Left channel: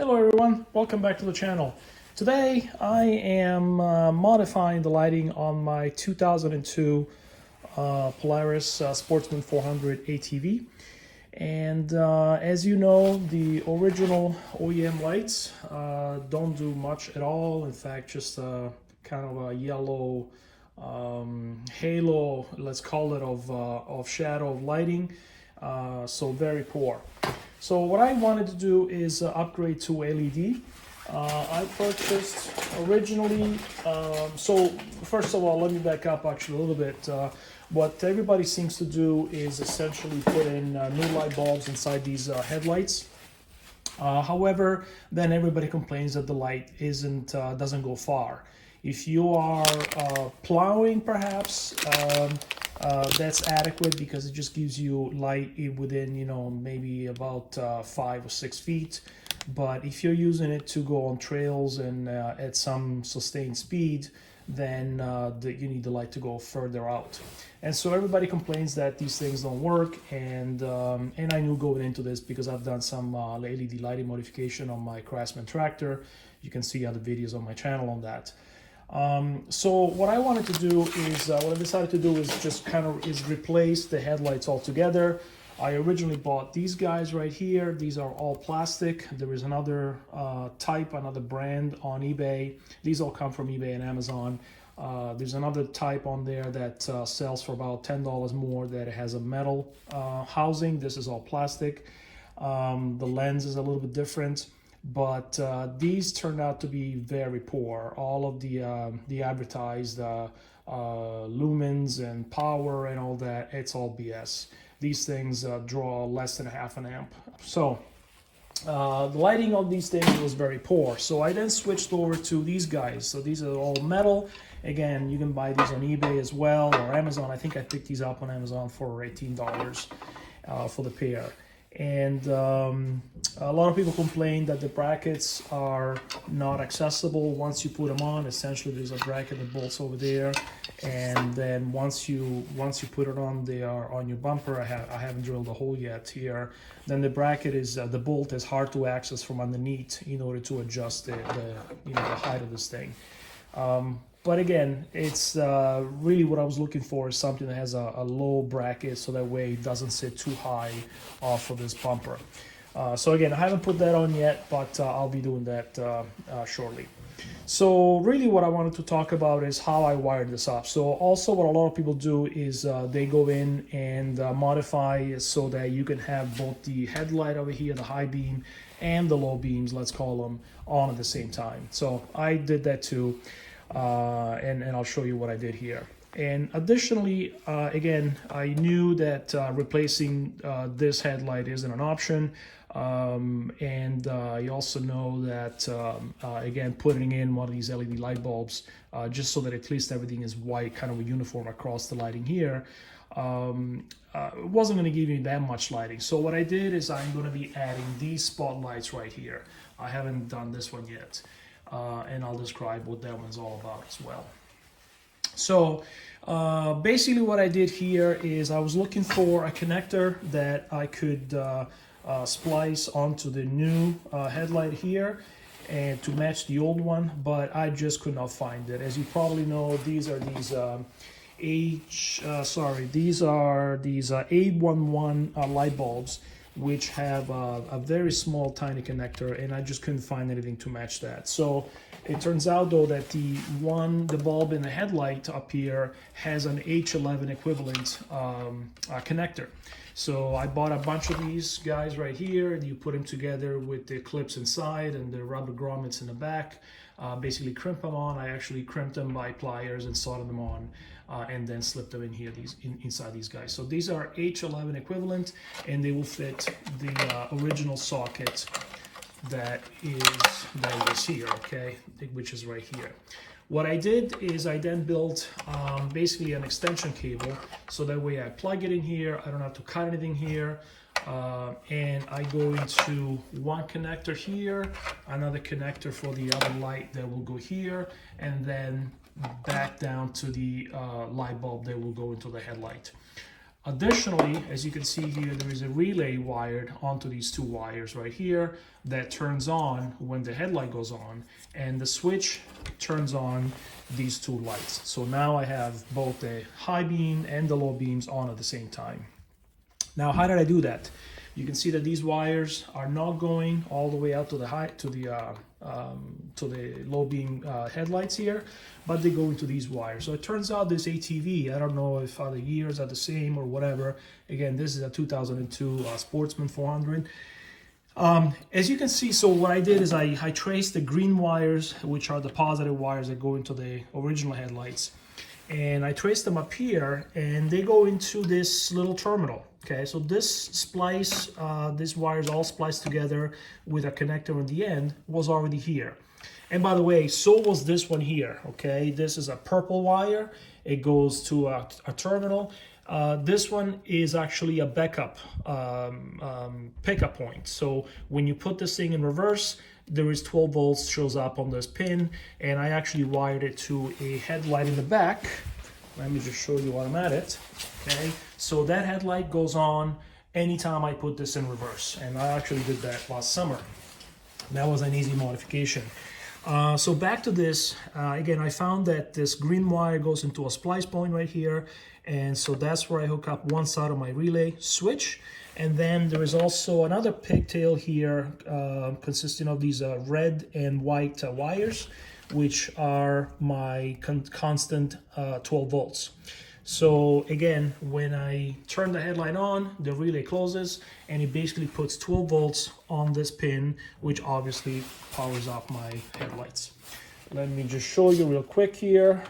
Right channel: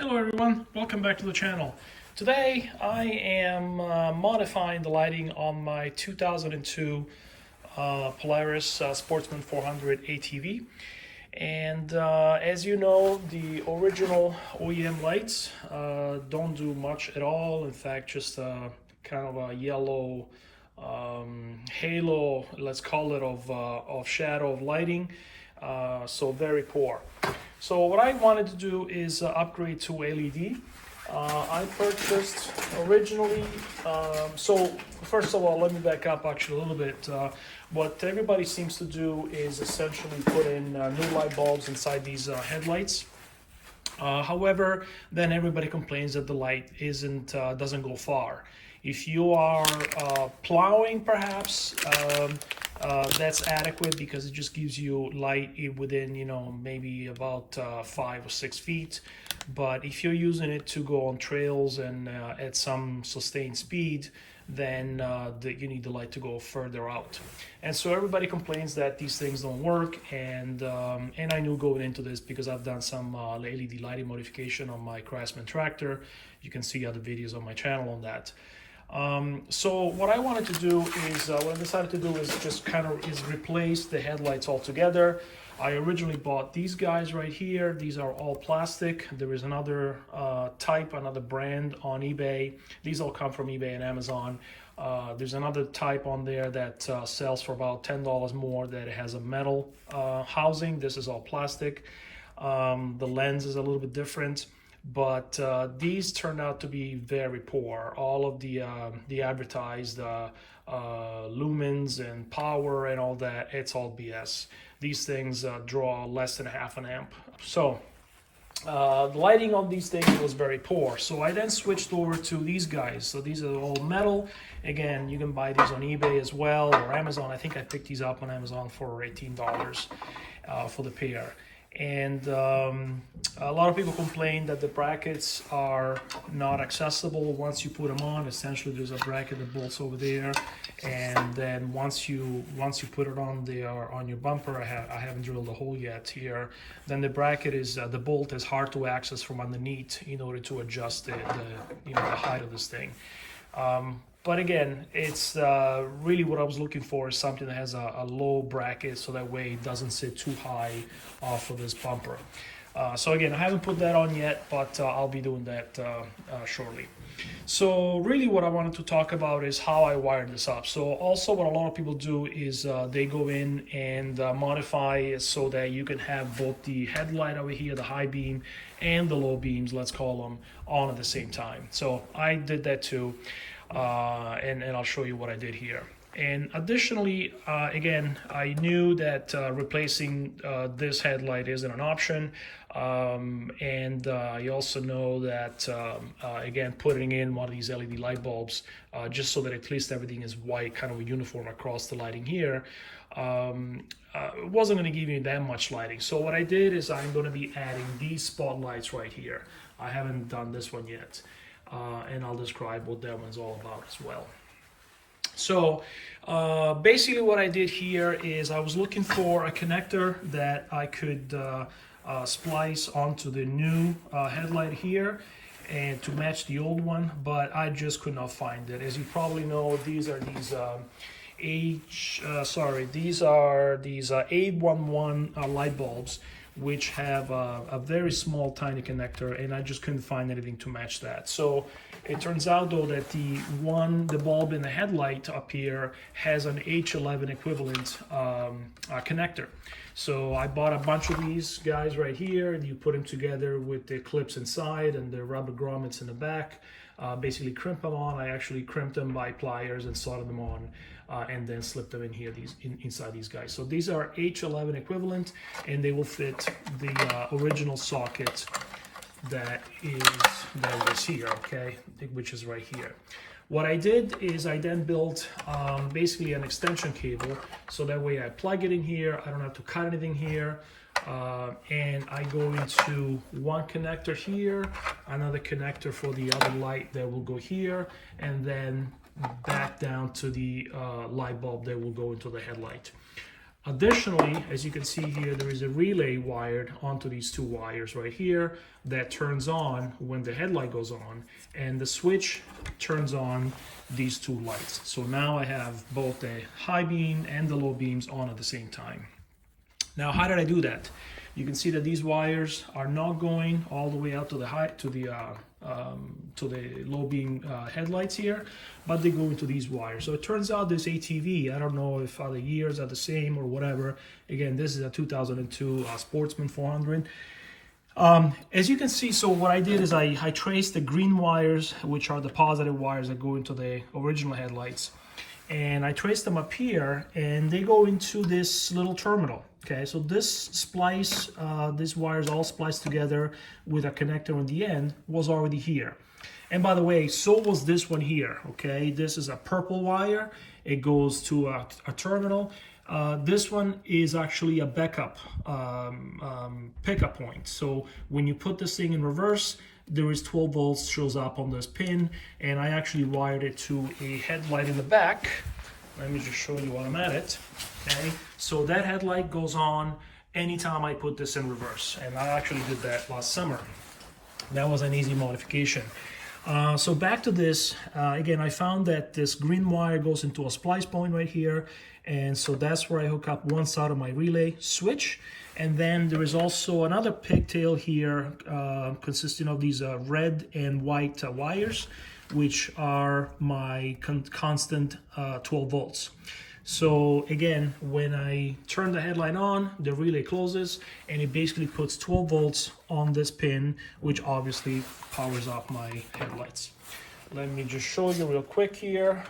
Hello everyone, welcome back to the channel. Today I am modifying the lighting on my 2002 Polaris Sportsman 400 ATV. And as you know, the original OEM lights don't do much at all. In fact, just kind of a yellow halo, let's call it, of shadow of lighting. So very poor. So what I wanted to do is upgrade to LED. I purchased originally, so first of all, let me back up actually a little bit. What everybody seems to do is essentially put in new light bulbs inside these headlights. However, then everybody complains that the light doesn't go far. If you are plowing, perhaps, that's adequate because it just gives you light within, maybe about 5 or 6 feet. But if you're using it to go on trails and at some sustained speed, then you need the light to go further out. And so everybody complains that these things don't work, and I knew going into this because I've done some LED lighting modification on my Craftsman tractor. You can see other videos on my channel on that. So what I wanted to do is, what I decided to do is just replace the headlights altogether. I originally bought these guys right here. These are all plastic. There is another type, another brand on eBay. These all come from eBay and Amazon. There's another type on there that sells for about $10 more that has a metal housing. This is all plastic. The lens is a little bit different. But these turned out to be very poor. All of the advertised lumens and power and all that, it's all BS. These things draw less than half an amp. So the lighting on these things was very poor. So I then switched over to these guys. So these are all metal. Again, you can buy these on eBay as well or Amazon. I think I picked these up on Amazon for $18 for the pair. And a lot of people complain that the brackets are not accessible once you put them on. Essentially, there's a bracket that bolts over there, and then once you put it on there on your bumper, I haven't drilled a hole yet here. Then the bracket is the bolt is hard to access from underneath in order to adjust the height of this thing. But again, it's really what I was looking for is something that has a low bracket, so that way it doesn't sit too high off of this bumper. So again, I haven't put that on yet, but I'll be doing that shortly. So really what I wanted to talk about is how I wired this up. So also what a lot of people do is they go in and modify so that you can have both the headlight over here, the high beam, and the low beams, let's call them, on at the same time. So I did that too. And I'll show you what I did here. And additionally, again, I knew that replacing this headlight isn't an option. And I also know that, again, putting in one of these LED light bulbs, just so that at least everything is white, kind of uniform across the lighting here, it wasn't going to give you that much lighting. So what I did is I'm going to be adding these spotlights right here. I haven't done this one yet. And I'll describe what that one's all about as well. So basically what I did here is I was looking for a connector that I could splice onto the new headlight here and to match the old one, but I just could not find it. As you probably know, these are these A11 light bulbs, which have a very small tiny connector, and I just couldn't find anything to match that. So it turns out though that the bulb in the headlight up here has an H11 equivalent connector. So I bought a bunch of these guys right here, and you put them together with the clips inside and the rubber grommets in the back. Basically crimp them on. I actually crimped them by pliers and soldered them on. And then slip them in here, inside these guys. So these are H11 equivalent, and they will fit the original socket that was here, okay, which is right here. What I did is I then built basically an extension cable, so that way I plug it in here, I don't have to cut anything here, and I go into one connector here, another connector for the other light that will go here, and then back down to the light bulb that will go into the headlight. Additionally, as you can see here, there is a relay wired onto these two wires right here that turns on when the headlight goes on, and the switch turns on these two lights. So now I have both the high beam and the low beams on at the same time. Now, how did I do that? You can see that these wires are not going all the way out to the low beam headlights here, but they go into these wires. So it turns out this ATV, I don't know if other years are the same or whatever. Again, this is a 2002 Sportsman 400. As you can see, so what I did is I traced the green wires, which are the positive wires that go into the original headlights. And I traced them up here, and they go into this little terminal. Okay, so this splice, these wires all spliced together with a connector on the end, was already here. And by the way, so was this one here. Okay, this is a purple wire. It goes to a terminal. This one is actually a backup pickup point. So when you put this thing in reverse, there is 12 volts shows up on this pin, and I actually wired it to a headlight in the back. Let me just show you while I'm at it. Okay, so that headlight goes on anytime I put this in reverse, and I actually did that last summer. That was an easy modification. So back to this, again, I found that this green wire goes into a splice point right here, and so that's where I hook up one side of my relay switch. And then there is also another pigtail here consisting of these red and white wires, which are my constant 12 volts. So again, when I turn the headlight on, the relay closes, and it basically puts 12 volts on this pin, which obviously powers up my headlights. Let me just show you real quick here.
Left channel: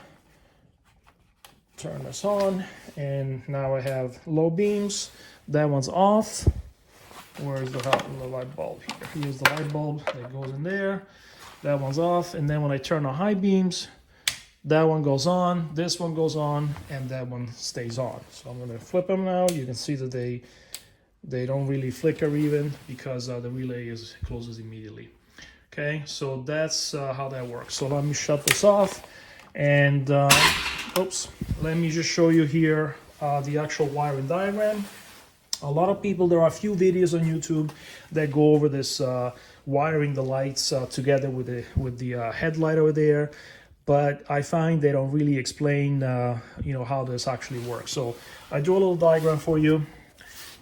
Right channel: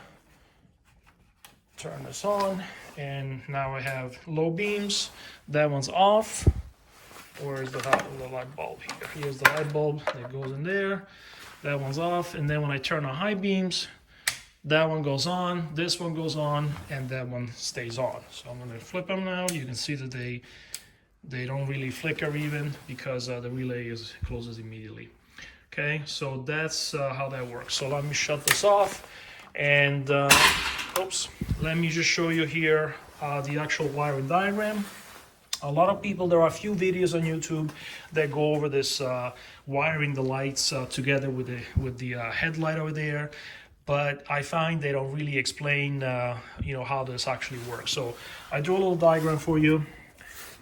Turn this on, and now I have low beams. That one's off. Where's the light bulb here? Here's the light bulb that goes in there. That one's off, and then when I turn on high beams, that one goes on, this one goes on, and that one stays on. So I'm going to flip them now. You can see that they don't really flicker even, because the relay closes immediately. Okay, so that's how that works. So let me shut this off, and oops, let me just show you here the actual wiring diagram. A lot of people, there are a few videos on YouTube that go over this wiring the lights together with the headlight over there, but I find they don't really explain you know, how this actually works. So I drew a little diagram for you.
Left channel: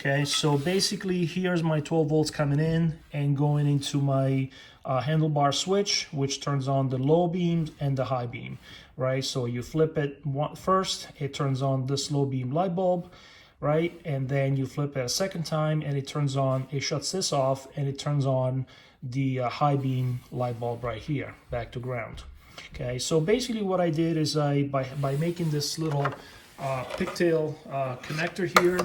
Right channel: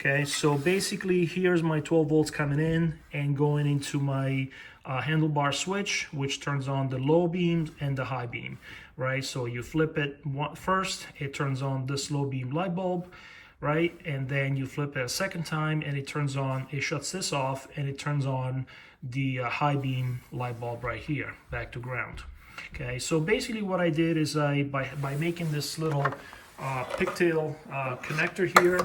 Okay, so basically here's my 12 volts coming in and going into my handlebar switch, which turns on the low beam and the high beam, right? So you flip it first, it turns on this low beam light bulb, right? And then you flip it a second time, and it turns on, it shuts this off, and it turns on the high beam light bulb right here, back to ground. Okay, so basically what I did is by making this little pigtail connector here,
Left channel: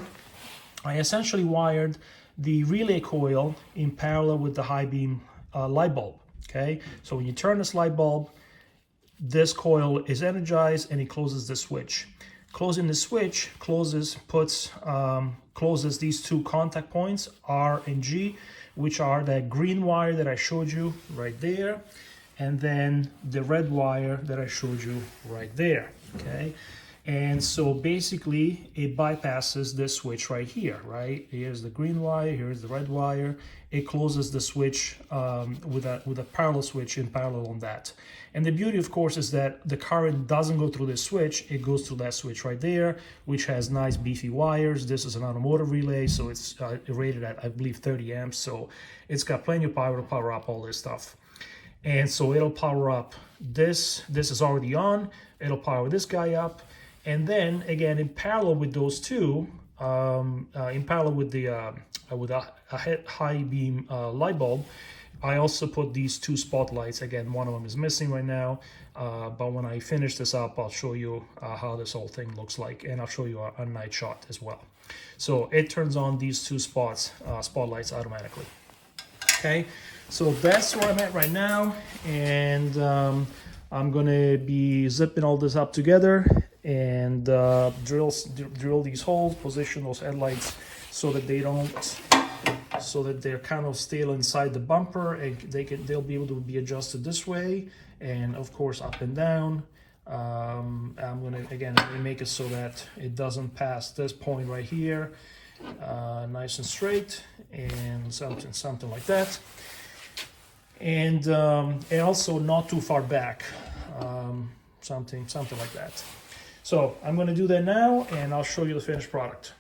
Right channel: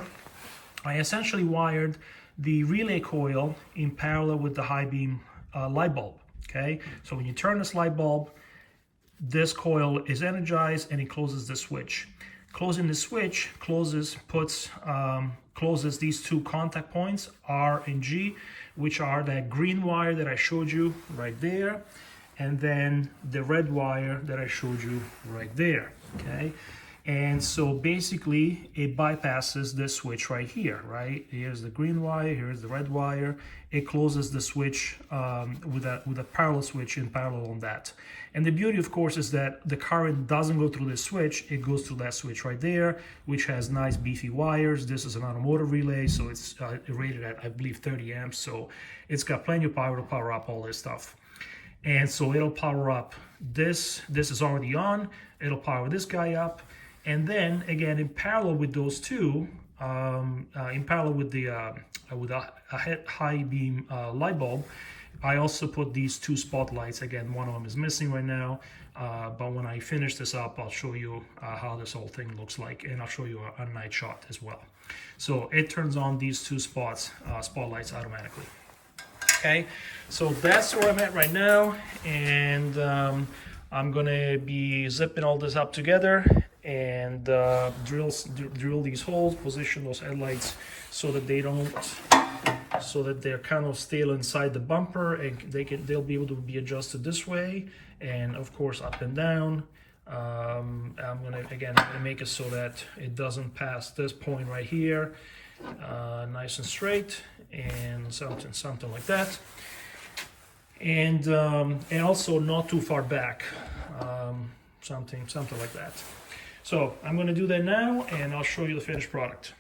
I essentially wired the relay coil in parallel with the high beam light bulb. Okay, so when you turn this light bulb, this coil is energized and it closes the switch. Closing the switch closes these two contact points, R and G, which are that green wire that I showed you right there, and then the red wire that I showed you right there. Okay, and so basically it bypasses this switch right here, right? Here's the green wire, here's the red wire. It closes the switch with a parallel switch in parallel on that. And the beauty, of course, is that the current doesn't go through this switch, it goes through that switch right there, which has nice beefy wires. This is an automotive relay, so it's rated at, I believe, 30 amps, so it's got plenty of power to power up all this stuff. And so it'll power up this is already on, it'll power this guy up, and then again in parallel with those two, in parallel with the with a high beam light bulb, I also put these two spotlights. Again, one of them is missing right now, but when I finish this up, I'll show you how this whole thing looks like, and I'll show you a night shot as well. So it turns on these two spotlights automatically. Okay, so that's where I'm at right now, and I'm gonna be zipping all this up together and drill these holes, position those headlights so that they're kind of still inside the bumper, and they'll be able to be adjusted this way, and of course up and down, I'm gonna make it so that it doesn't pass this point right here, nice and straight, and something like that, and also not too far back, something like that. So I'm going to do that now, and I'll show you the finished product.